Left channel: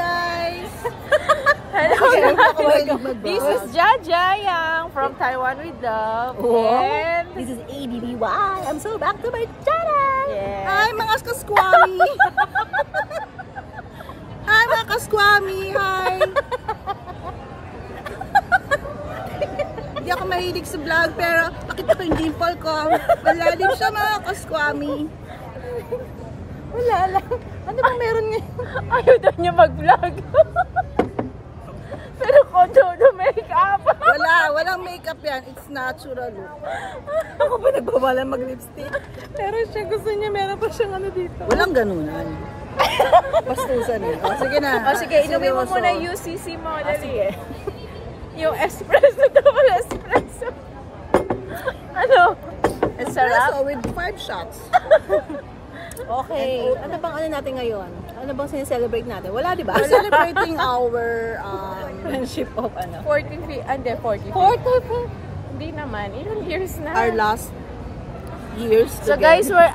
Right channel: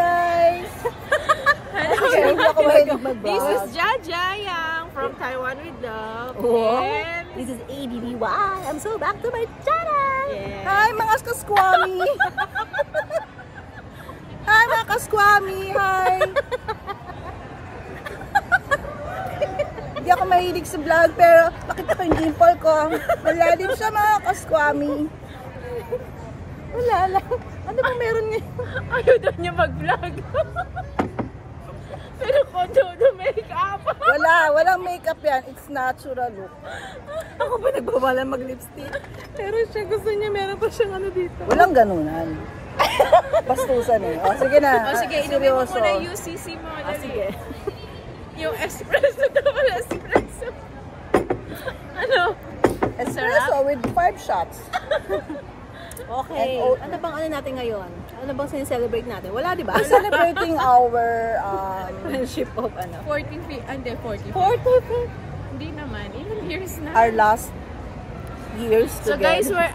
guys! This is Jaja Yang from Taiwan with Love. And this is ABBY. I'm so back to my channel! Yeah. Hi mga kaskwami! Hi mga kaskwami! Hi! Hindi ako mahilig sa vlog pero pakita ko yung dimple ko. Malalim siya mga kaskwami. Wala lang. Ano bang meron ngayon? Ano daw niya mag-vlog? Pero kondo na make-up. Walang makeup yan. It's natural look. Ako ba nagbawala mag-lipstick? Pero siya gusto niya, meron pa siyang ano dito. Walang ganunan. Pastusan eh. O sige na. O sige, inumin mo muna yung UCC mo. Sige. Yung espresso daw. Espresso. Ano? Espresso with 5 shots. Okay. Ano bang ano natin ngayon? Ano bang sineselebrate natin? Wala, di ba? We're celebrating our friendship of ano? 14 hindi, 40. 40. Hindi naman. Ilang years na. Our last years So together. guys, we're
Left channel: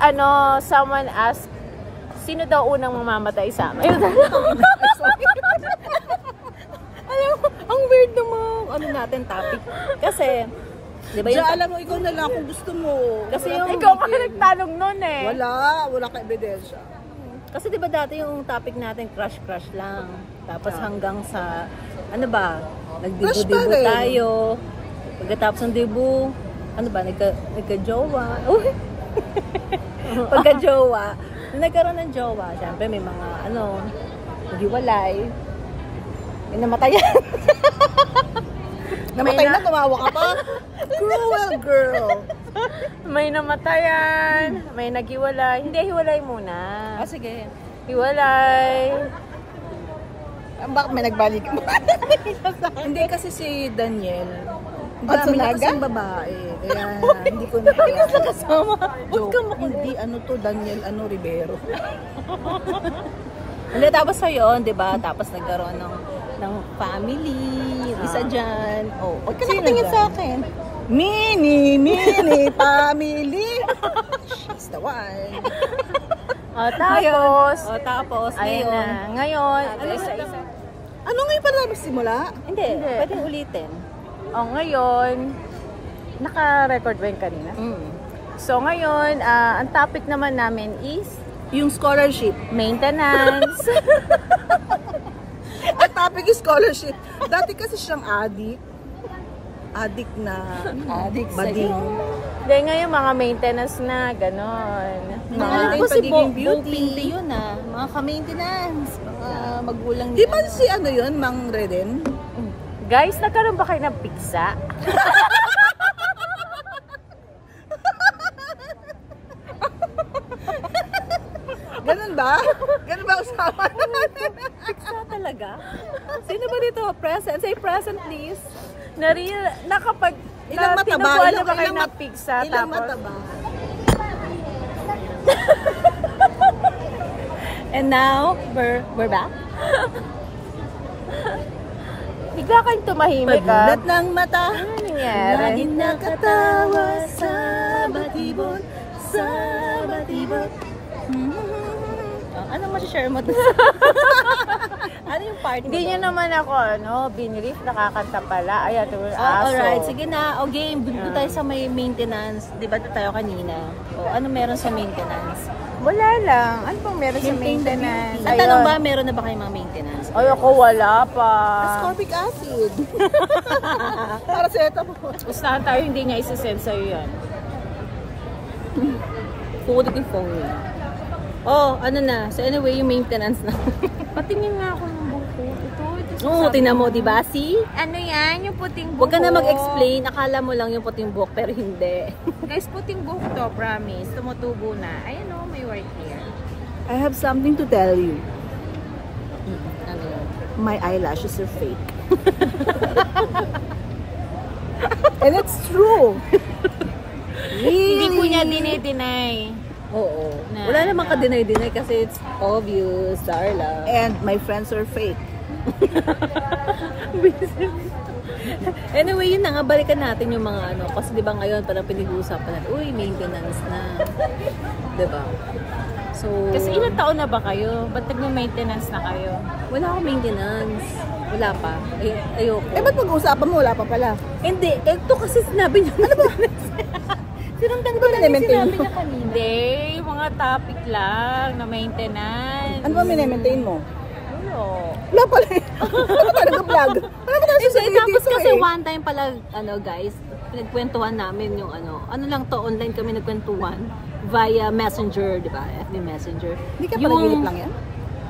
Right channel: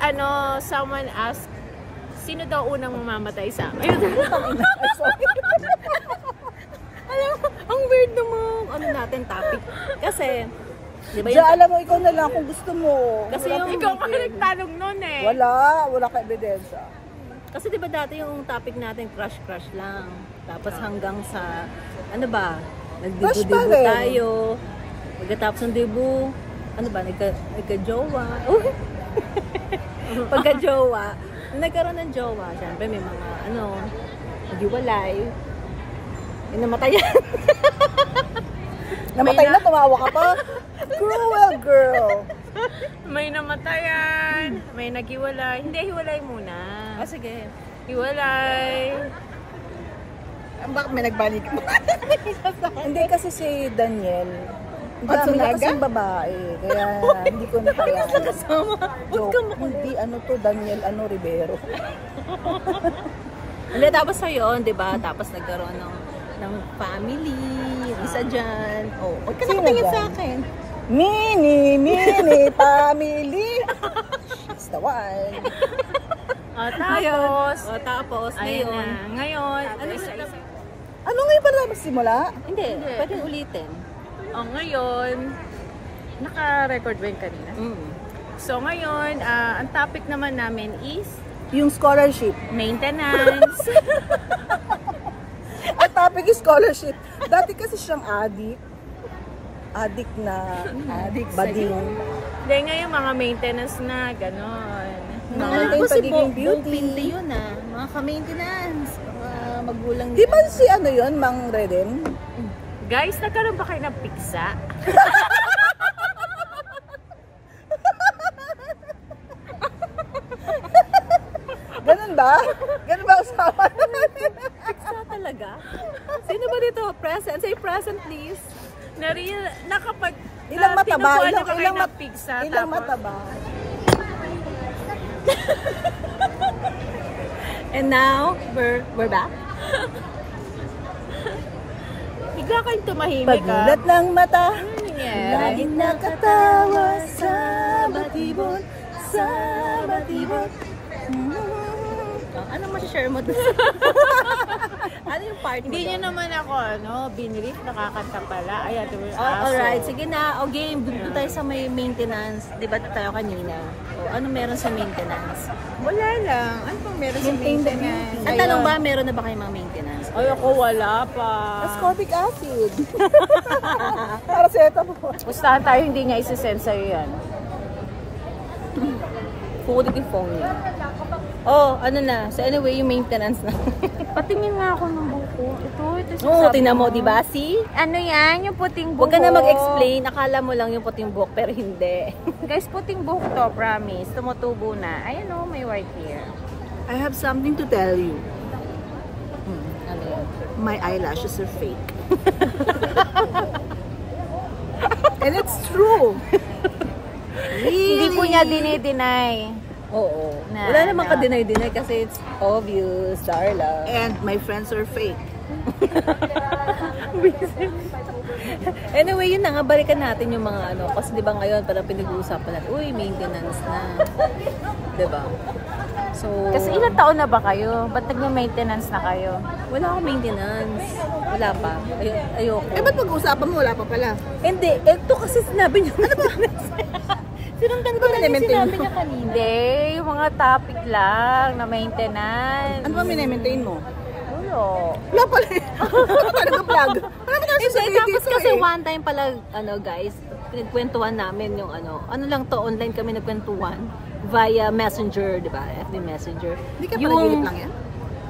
someone asked, sino daw unang mamamatay sa amin? Alam mo, ang weird namang ano natin topic. Kasi, di ba yung... alam mo, ikaw na lang kung gusto mo. Kasi Wala yung kang ikaw pa tigil. nagtanong nun eh. Wala ka ebidensya. Kasi di ba dati yung topic natin crush lang. Tapos hanggang sa, ano ba, Crush pa nagdibu-dibu rin. tayo. Pagkatapos ng dibu, ano ba, nagka-jowa. Uy! Pagka-jowa, nung nagkaroon ng jowa, syempre may mga, ano, naghiwalay. May namatayan. Namatay na, tumawa ka pa. Cruel girl. May namatayan, may naghiwalay. Hindi, hiwalay muna. Sige. Hiwalay. Bakit may nagbalik mo? Hindi kasi si Daniel. At Dami na Sunaga? kasing babae. Kaya hindi ko na kaya. Kasama. Huwag ka makulit. Hindi ano to, Daniel Rivero. Hindi, tapos sa yun, di ba? Tapos nagkaroon ng family, yung isa dyan. Oh, huwag ka Sino nakatingin dyan? sa akin. Mini family. It's the one. Tapos, ngayon. Ngayon, ano ba? Ano ngayon pa na magsimula? Hindi, pwedeng ulitin. Ngayon, naka-record ba yun kanina? So, ngayon, ang topic naman namin is Yung scholarship. maintenance. Ang topic is scholarship. Dati kasi siyang addict. Addict na bading. Hindi, ngayon mga maintenance na, ganon. Alam Natin ko si pagiging beauty. yun mga ka-maintenance, mga magulang Di ba si ano yun, Mang Reden? Guys, nagkaroon ba kayo ng pizza? Ganun ba? Ganun ba usapan? Pizza talaga? Sino ba dito? Present? Say present please. Nakapag... Ilang mataba? Ilang pizza? Ilang mataba? And now, we're back. Higa kayong tumahimik Pagmulat ng mata, laging nakatawa sa batibot, sa batibot. Anong masishare mo doon? Ano yung part mo? Hindi nyo naman ako, binilis, nakakanta pala. Ayan, alright, sige na. O game, doon tayo sa may maintenance. Di ba tayo kanina? O, ano meron sa maintenance? Wala lang. Ano pang meron sa maintenance? Ang tanong ba, meron na ba kayong mga maintenance? Ay, ako wala pa. ascorbic acid. Para sa ito po. Basta tayo hindi niya isi-send sa'yo yan. Kukulit yung phone niya. Oh, ano na. So anyway, yung maintenance na. Patingin nga ako ng buko. Ito. Oo, tingnan mo, di ba? See? Ano yan? Yung puting buhok. Huwag ka na mag-explain. Akala mo lang yung puting buhok, pero hindi. Guys, puting buhok to, promise. Tumutubo na. Ayan o, may white hair. I have something to tell you. Ano yun? My eyelashes are fake. And it's true. Hindi ko niya dinideny. Oo. Wala namang ka-deny-deny kasi it's obvious, Darla. And my friends are fake. Anyway, yun na nga, balikan natin yung mga ano. Kasi di ba ngayon, parang pinag-uusapan natin, uy, maintenance na. Di ba? So, Kasi ilang taon na ba kayo? Ba't nag-maintenance na kayo? wala akong maintenance. Wala pa. Ayoko. Eh, ba't pag-uusapan mo? Wala pa pala. Hindi, ito kasi sinabi niya. Ano ba? Sinundan ko lang yung minimaintain sinabi mo? niya kanina. Hindi, yung mga topic lang na maintenance. Ano ba minimaintain mo? Wala. Wala pala. Wala pa nag-vlog. Wala pa tayo Hindi, sasabihin tapos dito kasi eh. one time pala, guys, pinagkwentuhan namin yung ano lang to, online kami nagkwentuhan via Messenger, di ba? FB Messenger. Hindi ka pala lang yan?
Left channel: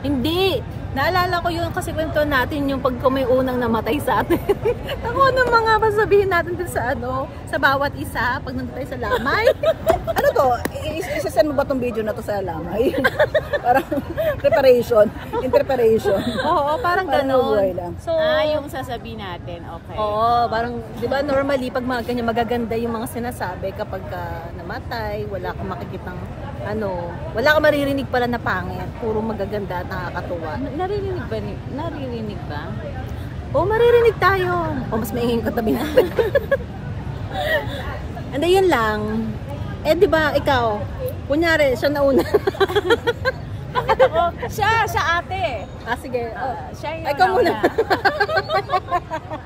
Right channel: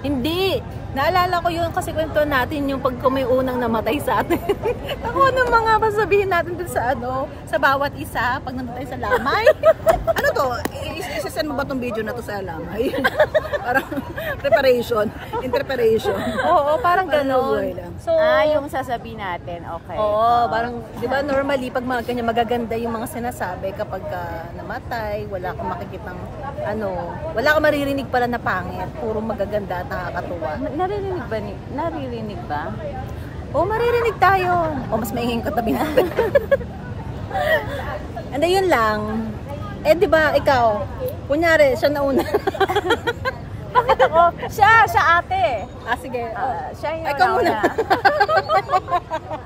Hindi. Naalala ko yun kasi kwento natin yung pag may unang namatay sa atin. Ako ano mga sabihin natin dun sa sa bawat isa pag nandun tayo sa lamay. Ano to? Isasend mo ba tong video na to sa lamay? Parang preparation. Interpretation. Oo, parang buhay ganon. lang. So, Yung sasabihin natin, okay. oo, parang, di ba normally pag mga ganyan magaganda yung mga sinasabi kapag namatay, wala kang makikitang wala kang maririnig pala na pangit, puro magaganda at nakakatuwa. Naririnig ba? O, maririnig tayo. O, mas maingin ko tabi namin. And yun lang. Eh, di ba, ikaw, kunyari, siya nauna. Siya ate. Sige. Siya yung Ikaw muna.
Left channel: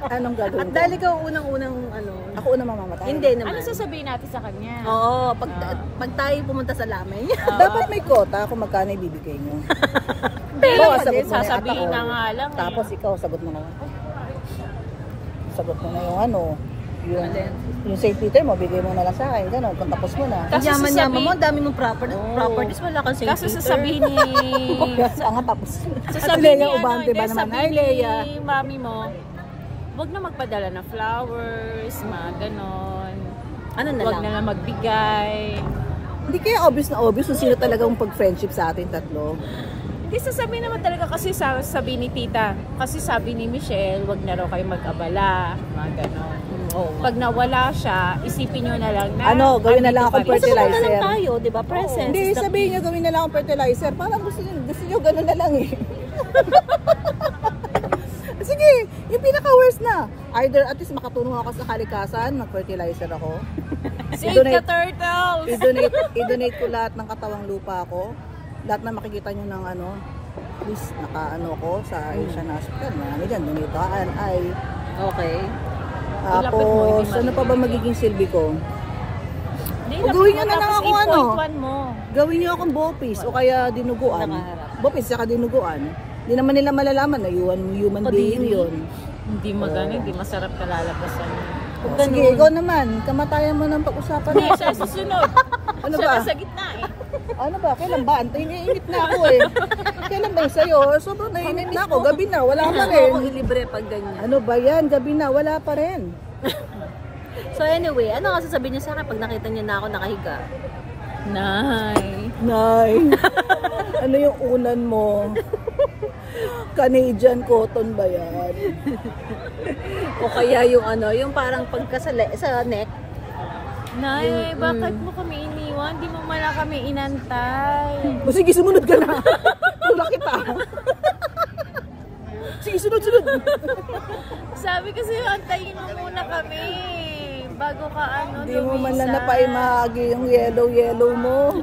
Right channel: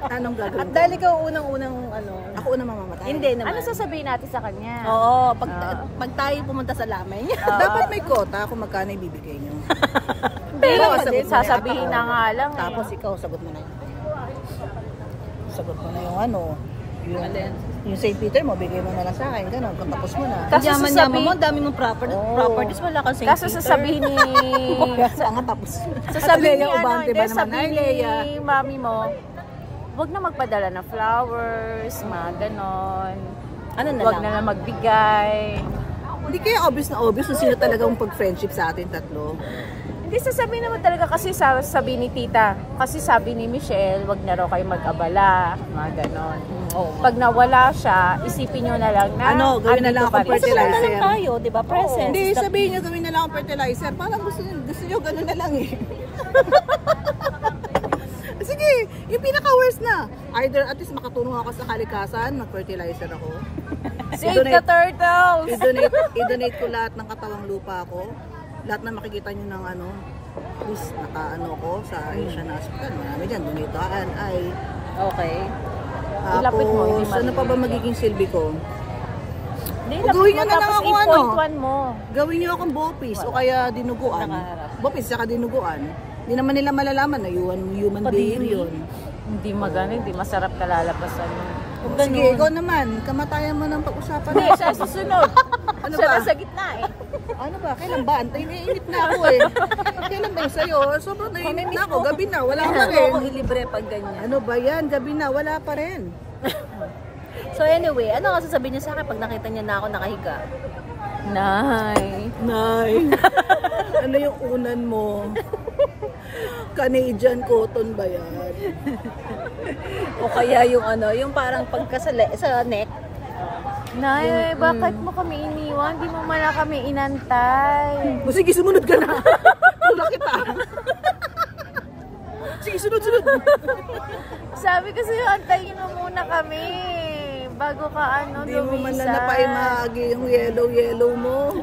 Anong gagawin At ko? dahil ikaw unang-unang, Ako una mamamatay. hindi naman. Ano sasabihin natin sa kanya? Oo, pag tayo pumunta sa lamay niya. Dapat may quota kung magkano ibibigay nyo. Pero Bawa, pa sagot din, mo na yung sasabihin ata ko. na nga lang. Tapos ikaw, sagot mo na lang. Sagot mo na yung yung St. Peter mo, bigay mo na lang sa akin. Ganon, kung tapos mo na. Ang yaman-yaman sasabihin- mo, ang dami mong properties, wala kang St. Kaso Peter. sasabihin ni... Tanga tapos. At sasabihin Leia Ubante ba naman? Ay, Leia. ni mami mo, huwag na magpadala ng flowers, mga ganon. Ano na Huwag lang? na lang magbigay. Hindi kaya obvious na obvious kung sino talagang pag-friendship sa atin tatlo. Hindi, sasabihin naman talaga kasi sabi ni tita, kasi sabi ni Michelle, wag na raw kayo mag-abala, mga ganon. Oo. Pag nawala siya, isipin nyo na lang na Gawin na lang andito akong pa rin siya. fertilizer. Basta na lang tayo, di ba? Presence. Hindi, is the sabihin key. nyo gawin na lang akong fertilizer. Parang gusto nyo gano'n na lang eh. Sige, yung pinaka-worst na. Either at least makatulong ako sa kalikasan, mag-fertilizer ako. Save the turtles! I-donate ko lahat ng katawang lupa ko. Lahat na makikita nyo ng please, ko sa Asian Hospital. Marami dyan, donataan ay. Okay. Ilapit mo, Tapos, hindi ano pa ba magiging silbi ko? Hindi, O, gawin lapit nyo mo, na lang tapos ako, ano? i-point mo. Gawin nyo akong bopis o kaya dinuguan. Nakaharap. Bopis saka dinuguan. Hindi naman nila malalaman na human being Kadiri. yun. Hindi magano, hindi masarap kalalabasan. Huwag Sige, ganun. ikaw naman. Kamatayan mo ng pag-usapan Hindi, natin. siya sa sunod. Ano Siya ba? nasa gitna eh. Ano ba? Kailan ba? Naiinip na ako eh. Kailan ba yung sa'yo? Sobrang naiinip na ako. Gabi na. Wala pa Gusto rin. ko ilibre pag ganyan. Ano ba yan? Gabi na. Wala pa rin. So anyway, ano nga sasabihin niya sa akin pag nakita niya na ako nakahiga? Nay. Nay. Ano yung unan mo? Canadian cotton ba yan? O kaya yung yung parang sa neck. Nay, bakit mo kami iniwan? Di mo man lang kami inantay. O sige, sumunod ka na. Tula kita. Sige, sunod. Sabi kasi antayin mo muna kami. Bago ka Hindi mo man na napaimahagi yung yellow mo.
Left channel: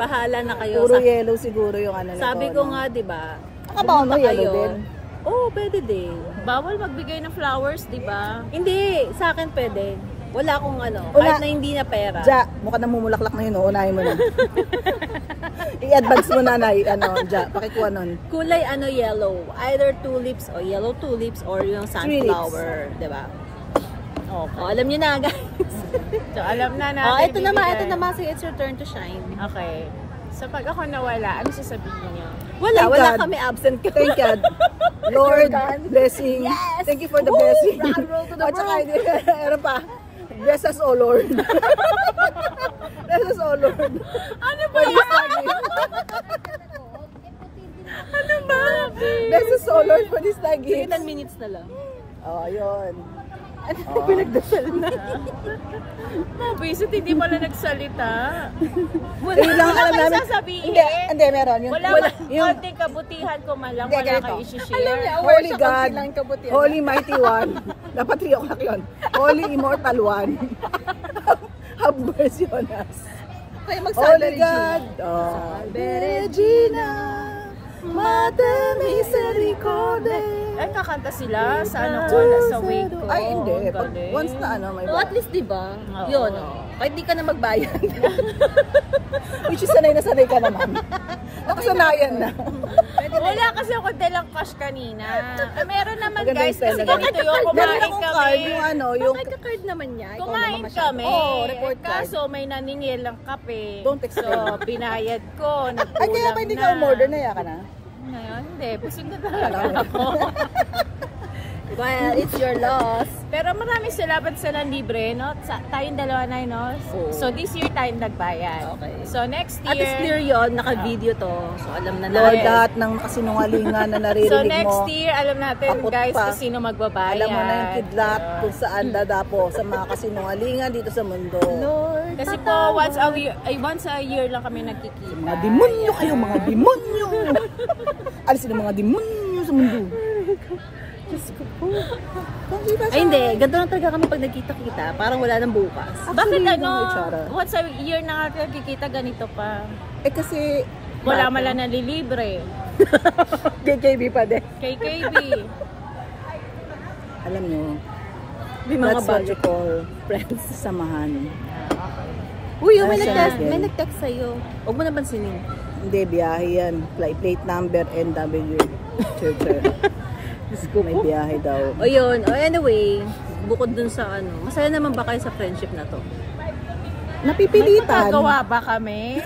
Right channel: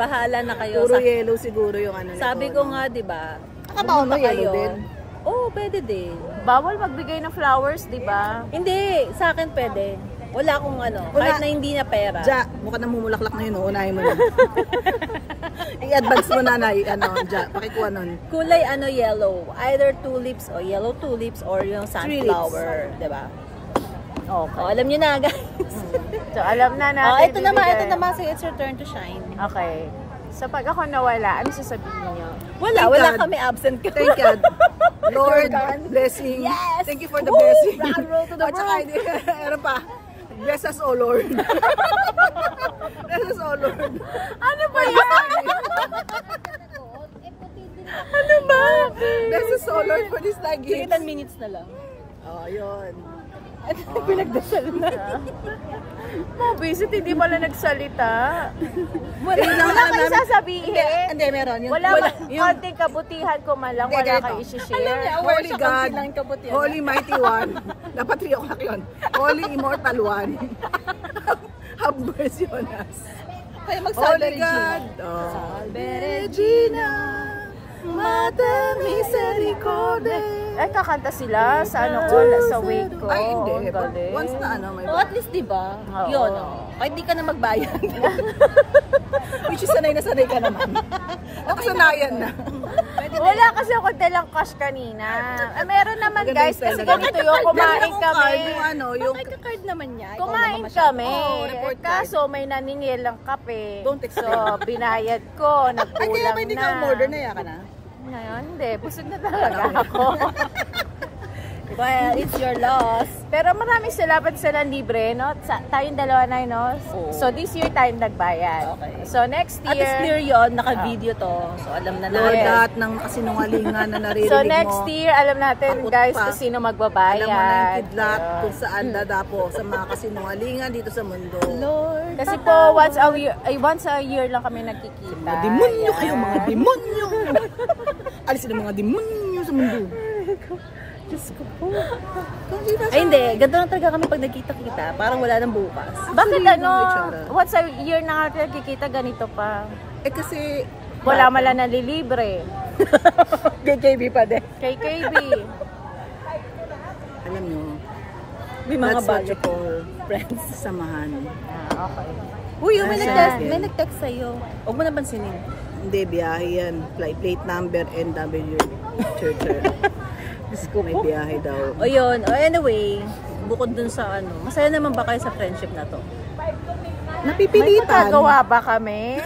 Bahala na kayo. Puro yellow siguro yung nito. Sabi ko nga, di ba? Nakabaon mo pumunta yellow din. Oo, pwede din. Bawal magbigay ng flowers, di ba? Hindi, sa akin pwede. Wala akong kahit na hindi na pera. Ja, mukha na mumulaklak na yun. Unahin mo na. I-advance mo na, Nay. Ja, pakikuha nun. Kulay yellow. Either tulips o yellow tulips or yung sunflower. Di ba? Oh, alam niyo na, guys. So, alam na natin. Oh, ito bibigay. naman. So, it's your turn to shine. Okay. So, pag ako nawala, ano sasabihin niyo? Thank Wala God. kami absent ko. Thank God. Lord, blessing. Yes! Thank you for the Woo! blessing. Rock roll to the At saka, world. ano pa? Bless us, O Lord. Bless us, O Lord. Ano ba yan? Ano ba? Bless us, O Lord, for this Sige, nuggets. 10 minutes na lang. Oh, yun. Pinagdasal na. Visit, hindi pala nagsalita. Wala lang alam Ano namin. sasabihin? Hindi, meron. Yun. Wala Yung konting kabutihan ko man lang, Hindi, wala ganito. kayo isi-share. Alam niya, aware Holy siya God, konti lang kabutihan. Holy Mighty One. Dapat 3 o'clock yun. Holy Immortal One. Have mercy on us. Tayo mag-Salve Regina. Salve Regina, Mater Misericordia. Ay, kakanta sila sa ano ko, sa wake ko. Ay, hindi. Galing. Once na ano, may Oh, at least diba? Oo. Yun, kahit di ka na magbayad. Which is sanay na sanay ka naman. Nakasanayan na. Wala kasi ako dalang cash kanina. Meron naman Maganda guys, yung pera, kasi ganun. ganito yung Meron kumain akong card, kami. yung ano, yung... Bakit ka-card naman niya? Ikaw naman Kumain masyado. kami. Oo, report card. Kaso may naningil lang kape. Don't explain. So, binayad ko. Ay, Nagkulang kaya ba hindi ka umorder na ka na? Ngayon, hindi. Busog na talaga ako. Well, it's your loss. Pero maraming salamat sa libre, no? Tayong dalawa na, no? Oo. So, this year tayong nagbayad. Okay. So, next year... At least clear yun, naka-video to. So, alam na Lord, natin. lahat ng kasinungalingan na naririnig So, mo. next year, alam natin, Kaput guys, pa. kung sino magbabayad. Alam mo na yung kidlat kung saan dadapo sa mga kasinungalingan dito sa mundo. Lord, Kasi po, once a year lang kami nagkikita. Mga demonyo kayo, mga demonyo! Alisin ang mga demonyo sa mundo. Diyos ko po. Ay, hindi. Ganito lang talaga kami pag nagkita-kita. Parang wala nang bukas. Bakit ano, Itsara. once a year na natin nagkikita, ganito pa. Eh kasi, Wala man lang nalilibre. KKB pa din. KKB. Alam nyo, May mga that's what bagay. you call friends, samahan. Uy, may Nasa nag-text. atin. May nag-text sa'yo. Huwag mo na pansinin. Hindi, biyahe yan. Plate number NW. Churcher. May biyahe daw. O yun. O anyway, bukod dun sa ano, masaya naman ba kayo sa friendship na to? May Napipilitan. magagawa ba kami?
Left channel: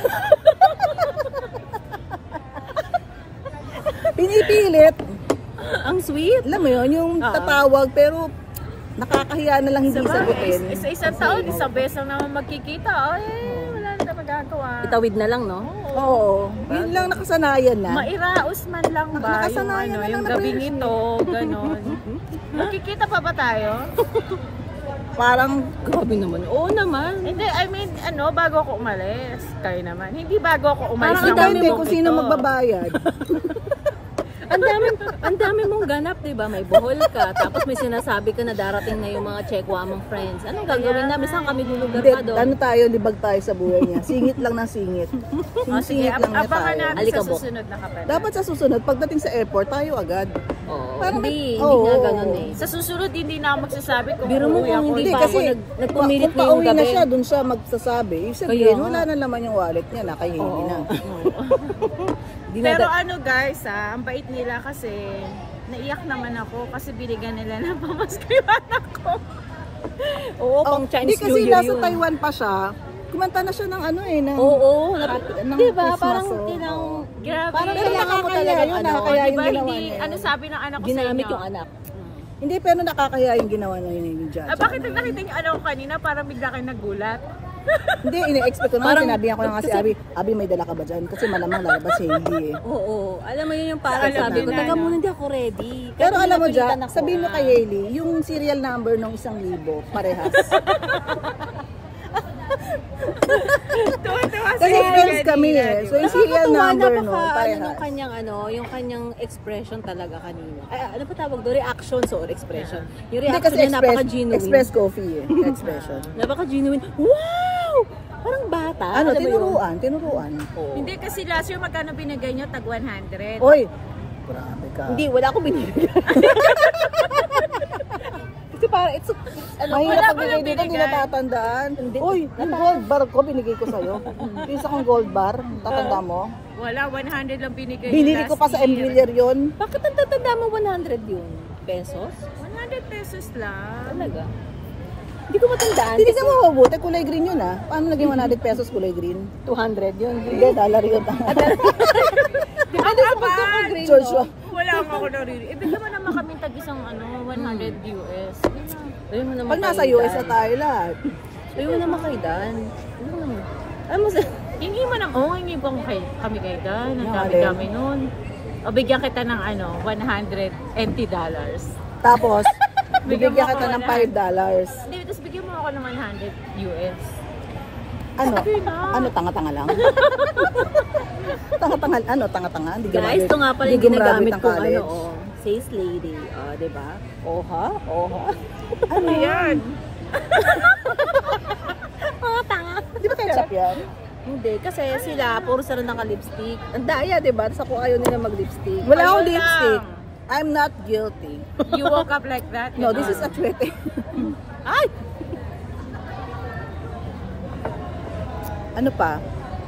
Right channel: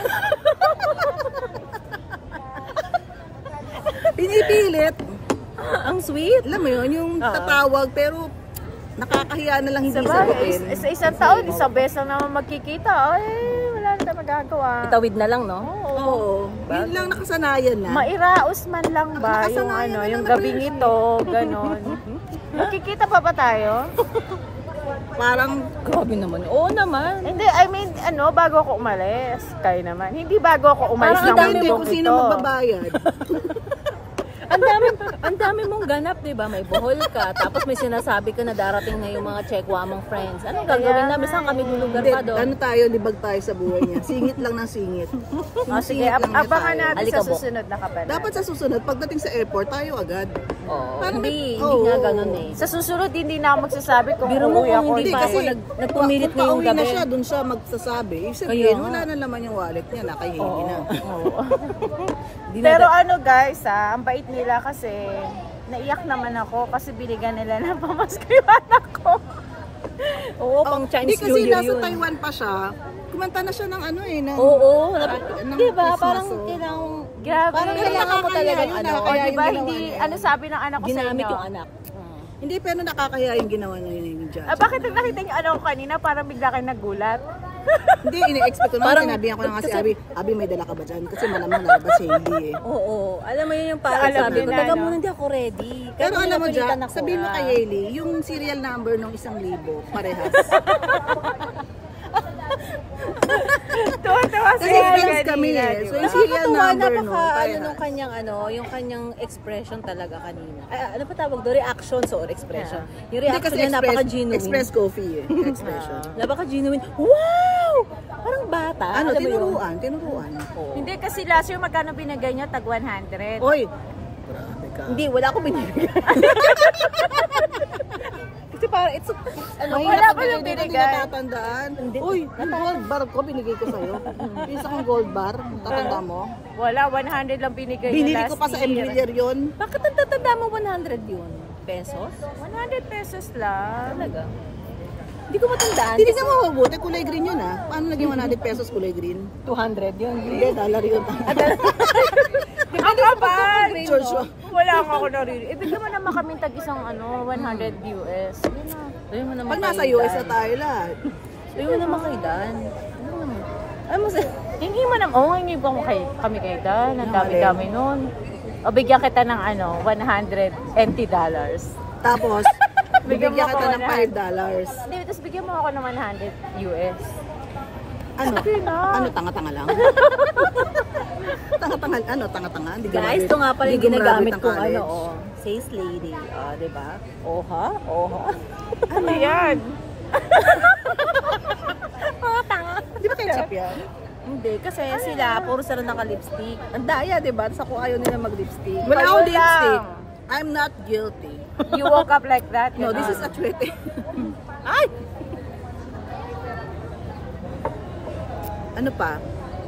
Pinipilit. Ang sweet. Alam mo yun, yung tatawag pero nakakahiya na lang hindi sagutin. Sa isang taon, isang beses na naman magkikita. Ay, wala na tayong magagawa. Itawid na lang, no? Oo. Yun lang nakasanayan na. Mairaos man lang ba yung, Nakasanayan ano, na lang yung na gabing person. ito, ganon. Magkikita pa ba tayo? Parang, Grabe naman. Oo naman. Hindi, I mean, ano, bago ako umalis. Kayo naman. Hindi bago ako umalis. Parang ang ng dami hindi mundo kung sino ito. magbabayad. Ang dami mong ganap, 'di ba? May buhol ka, tapos may sinasabi ka na darating na yung mga chekwa mong friends. Anong gagawin namin? Saan kami lulugar Hindi, pa doon? ano tayo, libag tayo sa buhay niya. Singit lang ng singit. Oh, sige, Singit lang niya abangan tayo. namin sa Alikabok. susunod na kapanan. Dapat sa susunod, pagdating sa airport, tayo agad. Oo. Parang Hindi oo. nga ganun eh. Sa susunod, hindi na ako magsasabi kung Biro mo uuwi kung ako. hindi Hindi, pa kasi ako nagpumilit kung ngayong pauwi na gabi. siya, dun siya magsasabi. Ibig Kaya sabihin, nga. wala na naman yung wallet niya, nakahingi na. Di na Pero ano guys, ang bait nila kasi naiyak naman ako kasi binigyan nila ng pamasko yung anak ko. Oo, pang Chinese Hindi New kasi Year nasa yun. Taiwan pa siya. Kumanta na siya ng ano eh. Ng, Oo, ng di ba? Christmas, Parang oh. Grabe. Parang Pero kailangan mo nakakaya talagang yun, ano, nakakaya yung Diba, ginawa hindi, niya. ano sabi ng anak ko ginamit sa inyo? yung anak. Hindi, pero nakakaya yung ginawa na yun dyan. Bakit nakita niyo anak ko kanina parang bigla kayo nagulat? Hindi, ini-expect ko na. Parang- Sinabihan ko na nga si Abi, Abi may dala ka ba dyan? Kasi malamang lalabas si hindi eh. Oo, alam mo yun yung parang Alam sabi na ko, na, teka no? muna, hindi ako ready. Kaya Pero alam mo napilitan dyan, ako. sabihin mo kay Hailey, yung serial number ng 1,000, parehas. Kasi friends kami eh. So yung serial Nakakatuwa, number no, napaka, ano, parehas. nung kanyang, yung kanyang expression talaga kanina. Ay, ano pa tawag doon? Reactions or expression. Yung Hindi reaction kasi niya napaka-genuine. express coffee eh. Expression. Napaka-genuine. Wow! Parang bata. Ano, alam mo yun? tinuruan. Oo. Hindi kasi last year magkano binigay niya? Tag 100. Oy! Grabe ka. Hindi, wala akong binibigyan. Kasi parang ano, Mahirap wala pag ko yung dito, hindi binigay. natatandaan. Uy, yung gold bar ko, binigay ko sa'yo. Yung isa kong gold bar, tatanda mo? Wala, 100 lang binigay Binili niya ko last pa sa year. embrillier yun. Bakit ang tatanda mo 100 yun? Pesos? 100 pesos lang. Talaga? Hindi ko matandaan. Hindi ka mabubuti, kulay green yun ah. Paano naging 100 pesos kulay green? 200 yun. Hindi, dollar yun. Ano ba? Pagkaka-green, George, no? Wala nga ako naririnig. Ibig naman naman kami tag isang 100 US. Sabi mo naman Pag nasa kay US Dan. na tayo lahat. Sabi mo naman kay Dan. Ano naman? Ano mo sa... Hingi mo naman. Oo, hingi ko kami kay Dan. Ang Yung dami-dami nun. O bigyan kita ng $100 NT. Tapos, bibigyan Bigyan mo kita ako ng na. $5. Hindi, tapos bigyan mo ako ng 100 US. Ano? Ano, tanga-tanga lang? Tanga-tanga, ano, tanga-tanga? Hindi Guys, ito nga pala yung hindi gumraduate ginagamit ang kong college. ano, sales lady. Diba? Oha? Oha? Ano yan? Mga tanga. Di ba ketchup yan? Hindi, kasi sila, puro sila naka-lipstick. Ang daya, diba? Tapos ako ayaw nila mag-lipstick. Wala akong Ayun lipstick. lang. I'm not guilty. You woke up like that? No, this is a tweet. Ay! Ano pa?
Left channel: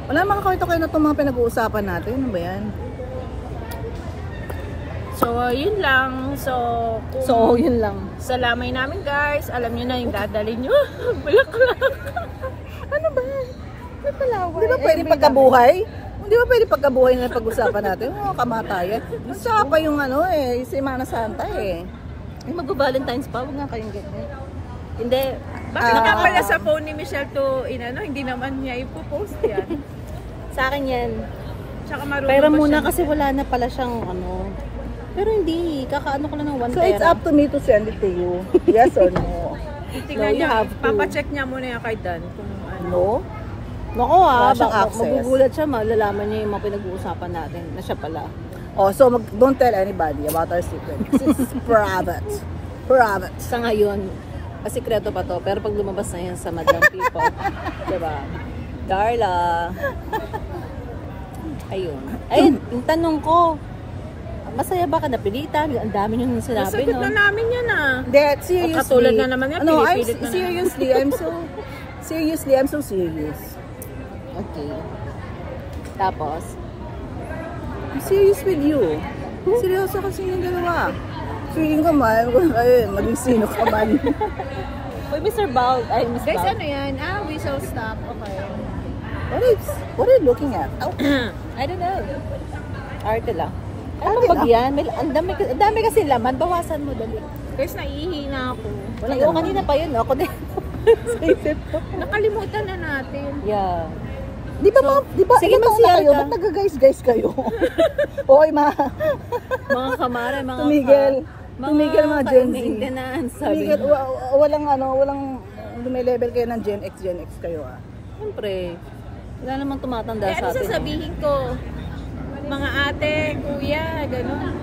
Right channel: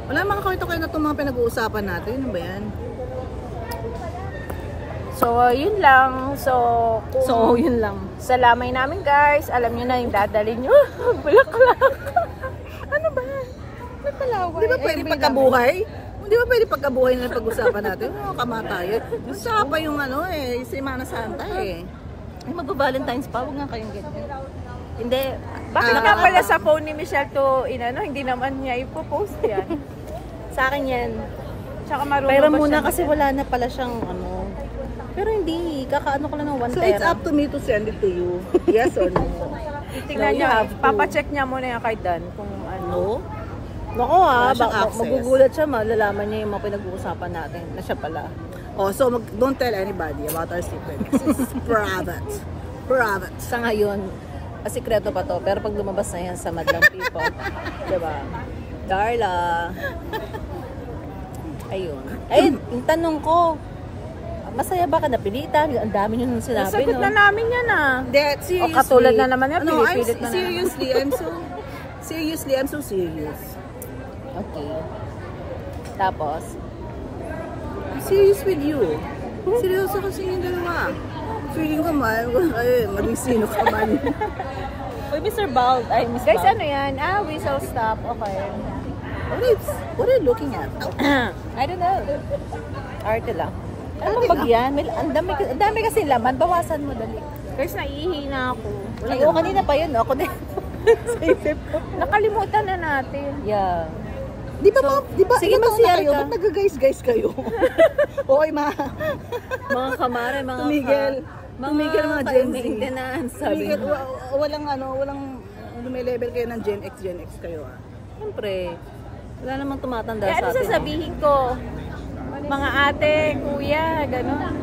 Wala makakita kayo na itong mga pinag-uusapan natin. Ano ba yan? So, yun lang. So, Yun lang. sa lamay namin guys, alam niyo na yung dadali niyo. Bulaklak. Ano ba? May palaway. Di ba pwede pagkabuhay? Di ba pwede pagkabuhay na pag-usapan natin? Oo, kamatayan. Gusto pa yung ano eh, Semana Santa eh. Ay, magba-Valentine's pa. Huwag nga kayong ganyan. Hindi. Bakit nakakala sa phone ni Michelle to, hindi naman niya ipopost yan. Sa akin yan. Tsaka marunong Pero ba muna siya- kasi wala na pala siyang ano. Pero hindi. Kakaano ko lang ng 1 So it's tera. up to me to send it to you. Yes or no? Tingnan No, you niya, have to. papacheck niya muna yung kay Dan kung ano. No? Nako Wala siyang baka access. magugulat siya, malalaman niya yung mga pinag-uusapan natin na siya pala. Oh, so don't tell anybody about our secret. It's private. Private. Sa ngayon, sikreto pa to, pero pag lumabas na yan sa Madlang People, diba? Darla. Ayun. Ayun, yung tanong ko, masaya ba ka napilitan? Ang dami nyo nung sinabi, Nasagot no? na namin yan That seriously. O, katulad na naman yan, No, pinipilit na I'm so serious. Okay. Tapos, I'm serious with you. Seryoso kasi yung dalawa. Feeling ko man, maging sino ka man. uy, Mr. Bald, ay, Miss Guys, Bald. ano yan? Whistle stop. Okay. What are you looking at? Oh, I don't know. Arte lang. Ano bang bagyan? Ang dami kasi laman. Bawasan mo, dali. Guys, naihina ako. Ay, oo, kanina pa yun. Ako din. Sa isip ko. Nakalimutan na natin. Yeah. di ba sige, ilang taon mag-CR na kayo? ka. Ba't nag-guys kayo? Oy, Mga kamare, mga tumigil mga Gen Z. maintenance, sabi Tumigil, mo. walang level kayo ng Gen X kayo ah. Siyempre, wala namang tumatanda Kaya sa ano atin. sasabihin ko? Mga ate, kuya, gano'n.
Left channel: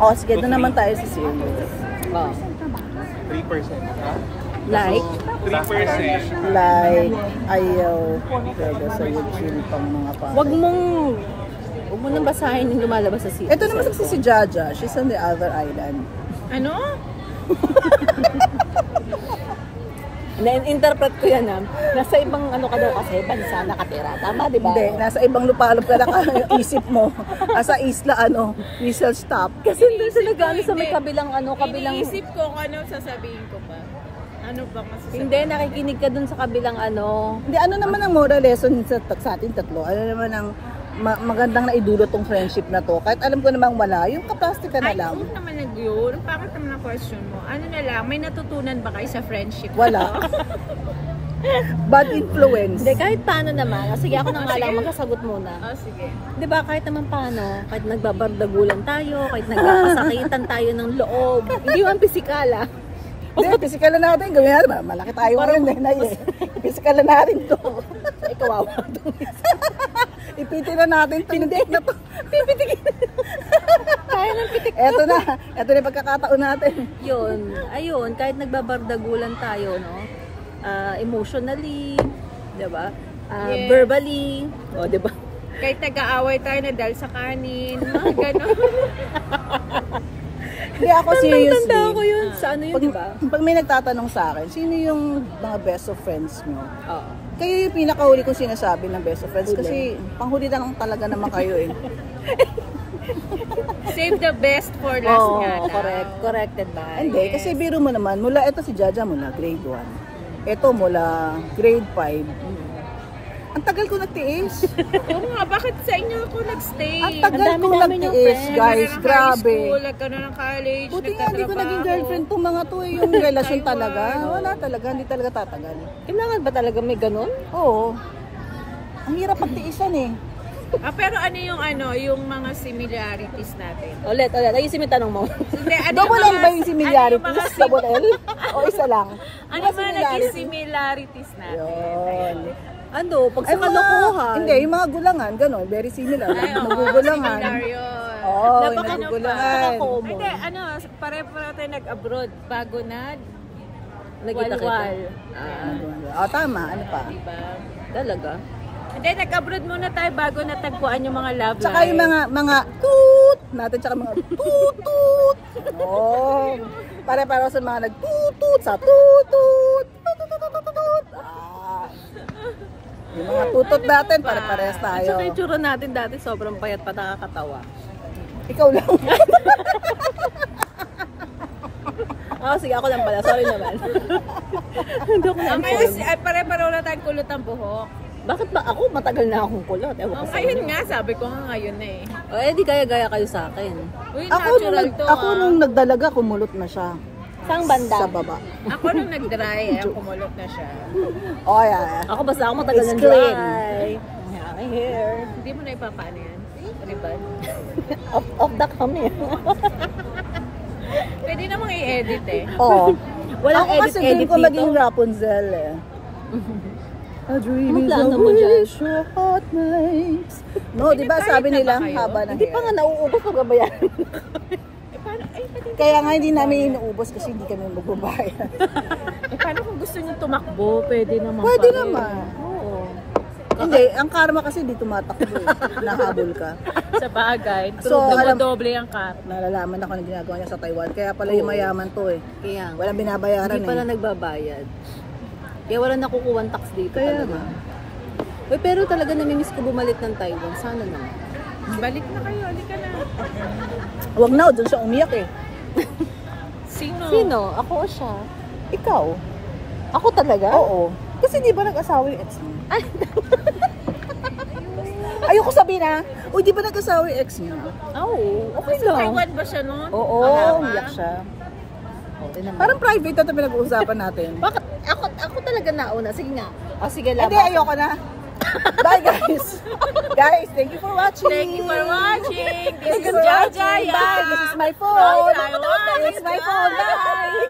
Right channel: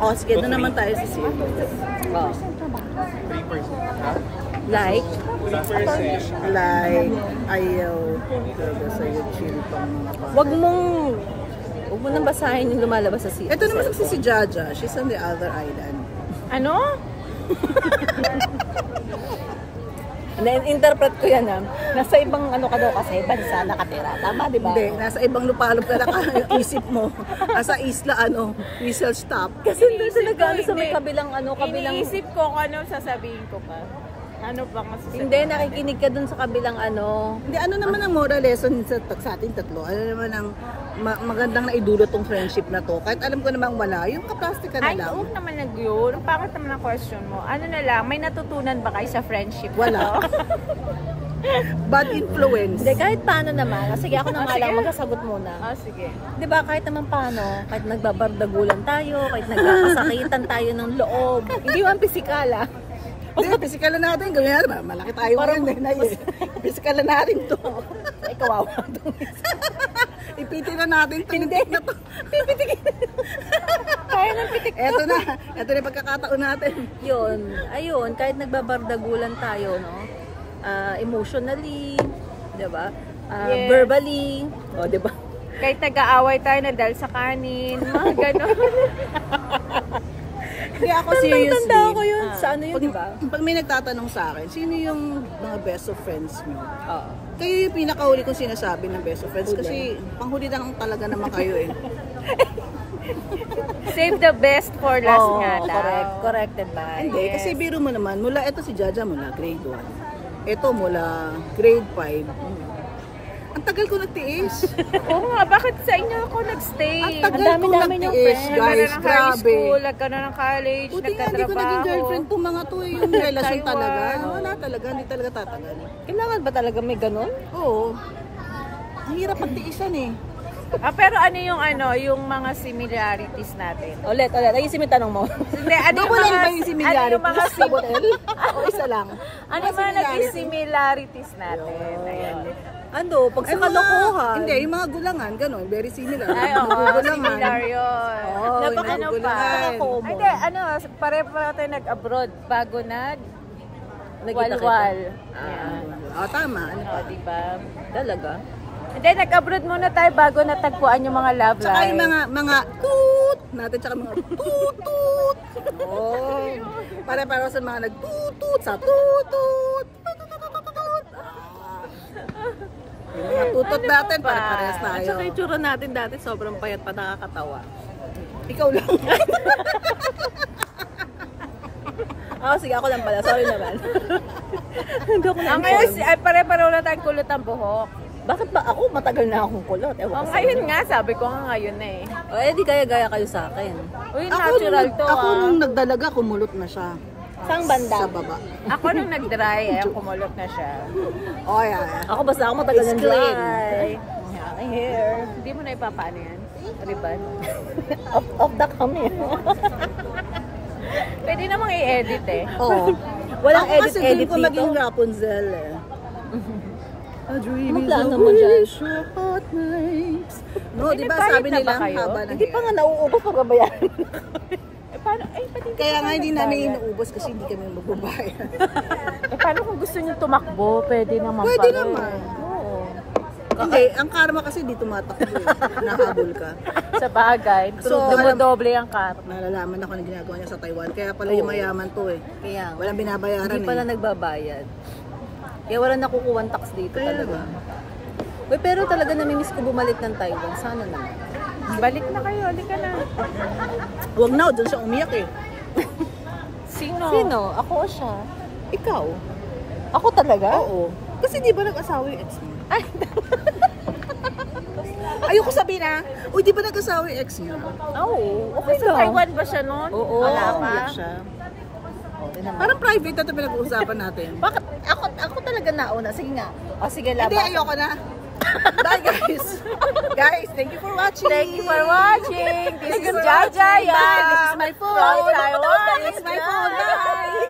Oh, sige, doon naman tayo sa serious. Oh. 3%. Like, 3%. Like, ayaw talaga sa'yo chill pang mga pa. wag mo nang basahin yung lumalabas sa Ito naman si Jaja. She's on the other island. Ano? Na-interpret ko yan nasa ibang ano ka daw kasi, bansa nakatira. Tama, di ba? Hindi, nasa ibang lupalop ka na isip mo. Nasa isla, Isle stop. Kasi doon sila gano'n sa may kabilang Iniisip ko kung ano sasabihin ko pa. Ano ba kasi? Hindi, nakikinig ka doon sa kabilang Hindi, ano naman ang moral lesson sa ating tatlo? Ano naman ang magandang naidulot tong friendship na to? Kahit alam ko namang wala, yung kaplastic ka na Ay, lang. huwag naman yun. Bakit naman ang question mo? Ano na lang, may natutunan ba kayo sa friendship? Wala. Bad influence. Hindi, kahit paano naman. Sige, ako na nga lang magsasagot muna. Oh, sige. Di ba, kahit naman paano, kahit nagbabardagulan tayo, kahit nagkakasakitan tayo ng loob, hindi man pisikal Hindi, physical na natin. Gawin natin. Malaki tayo ngayon. Physical na natin to. Ay, kawawa. Ipitin na natin to. Hindi na to. Pipitikin. Kaya ng pitik. Eto na. Eto na yung pagkakataon natin. Yun, ayun, kahit nagbabardagulan tayo, no? Emotionally, di ba? Verbally, o, di ba? Kahit nag-aaway tayo na dahil sa kanin, mga gano'n. Hindi ako seriously. Tanda ko yun. Sa ano yun, di ba? Pag may nagtatanong sa akin, sino yung mga best of friends mo? Oo. Kayo yung pinakahuli kong sinasabi ng best of friends. Huli. Kasi panghuli na lang talaga naman kayo eh. Save the best for last Oo, na. correct. Corrected ba? Hindi, kasi biro mo naman, mula ito si Jaja mula grade 1. Ito mula grade 5. Ang tagal ko nagtiis. Oo nga, bakit sa inyo ako nagstay? Ang tagal Ang ko dami-dami niyong nagtiis, friends. guys. High Grabe. school, nagka na ng college, Buti nga hindi ko naging girlfriend tong mga to eh. Yung relasyon talaga. Wala talaga, hindi talaga tatagal. Kailangan ba talaga may ganun? Oo. Ang hirap pagtiisan eh. Pero ano yung mga similarities natin? Ulit. Ayusin mo yung tanong mo. Hindi, Double L ba yung similarities? Ano yung mga, Double L? O isa lang? ano mga naging similarities natin? Yun. Ano, pag sa Ay, mga- kalokohan. Hindi, yung mga gulangan, gano'n. Very similar. Ay, oo, Nagugulangan. similar yun. Oo, yung Napaka- nagugulangan. napaka-common. Hindi, pare tayo nag-abroad bago Nakita kita. Walwal. Tama. Ano pa? Diba? Talaga? And then, nag-abroad muna tayo bago natagpuan yung mga love Tsaka yung mga toot natin, tsaka mga toot. Oh. Pare-pare sa mga nagtutut sa tutut. Yung mga tutot natin, pare-parehas At tayo. saka itsura natin dati, sobrang payat pa, nakakatawa. Ikaw lang. Sige, ako lang pala. Sorry naman. Hindi ako na-inform. Ay, pare-pareho na tayong kulot ang buhok. Bakit ba ako? Matagal na akong kulot. Ewan ko sa Ngayon inyo. nga, sabi ko nga ngayon na eh. Di kaya-gaya kayo sa akin. Uy, Ako natural nung nagdalaga, kumulot na siya. Saan banda? Sa baba. Ako nung nag-dry, kumulot na siya. Oh, yeah. Ako basta ako matagal It's ng clean. dry. My hair. Hindi mo na ipapaano yan. Riban. Off the cam eh. Pwede namang i-edit eh. Oh. Walang Ako kasi edit-edit ko dito. maging Rapunzel eh. A dream Anong is plano a mo dyan? wish your heart makes. No, di ba sabi na nila ba kayo? haba ng Hindi pa nga nauubos pag babayaran. Kaya nga hindi namin inuubos kasi hindi kami magbabayad. Paano kung gusto niyo tumakbo? Pwede naman Pwede pala eh. naman. Oo. Hindi, ang karma kasi di tumatakbo eh. Nahabol ka. Sa bagay. So, Doble ang karma. Nalalaman ako na ginagawa niya sa Taiwan. Kaya pala yung mayaman to eh. Kaya nga. Walang binabayaran Hindi pala eh. nagbabayad. Kaya wala nakukuha tax dito Kaya talaga. nga. Uy, pero talaga namimiss ko bumalik ng Taiwan. Sana naman. Balik na kayo. Halika na. Huwag na, doon siya umiyak eh. Sino? Sino? Ako o siya? Ikaw? Ako talaga? Oo. Kasi di ba nag-asawa yung ex mo? Ay, Ayoko sabihin na. Uy, di ba nag-asawa yung ex niya? oo. Okay Sa lang. Taiwan ba siya noon? Oo, umiyak siya. Parang private na ito pinag-uusapan natin. Bakit? Ako talaga nauna. Sige nga. Sige, Hindi, laban. ayoko na. Bye guys. Guys, thank you for watching. Thank you for watching. Thank you for watching. Bye. This is my phone. Bye. This is my phone. Bye.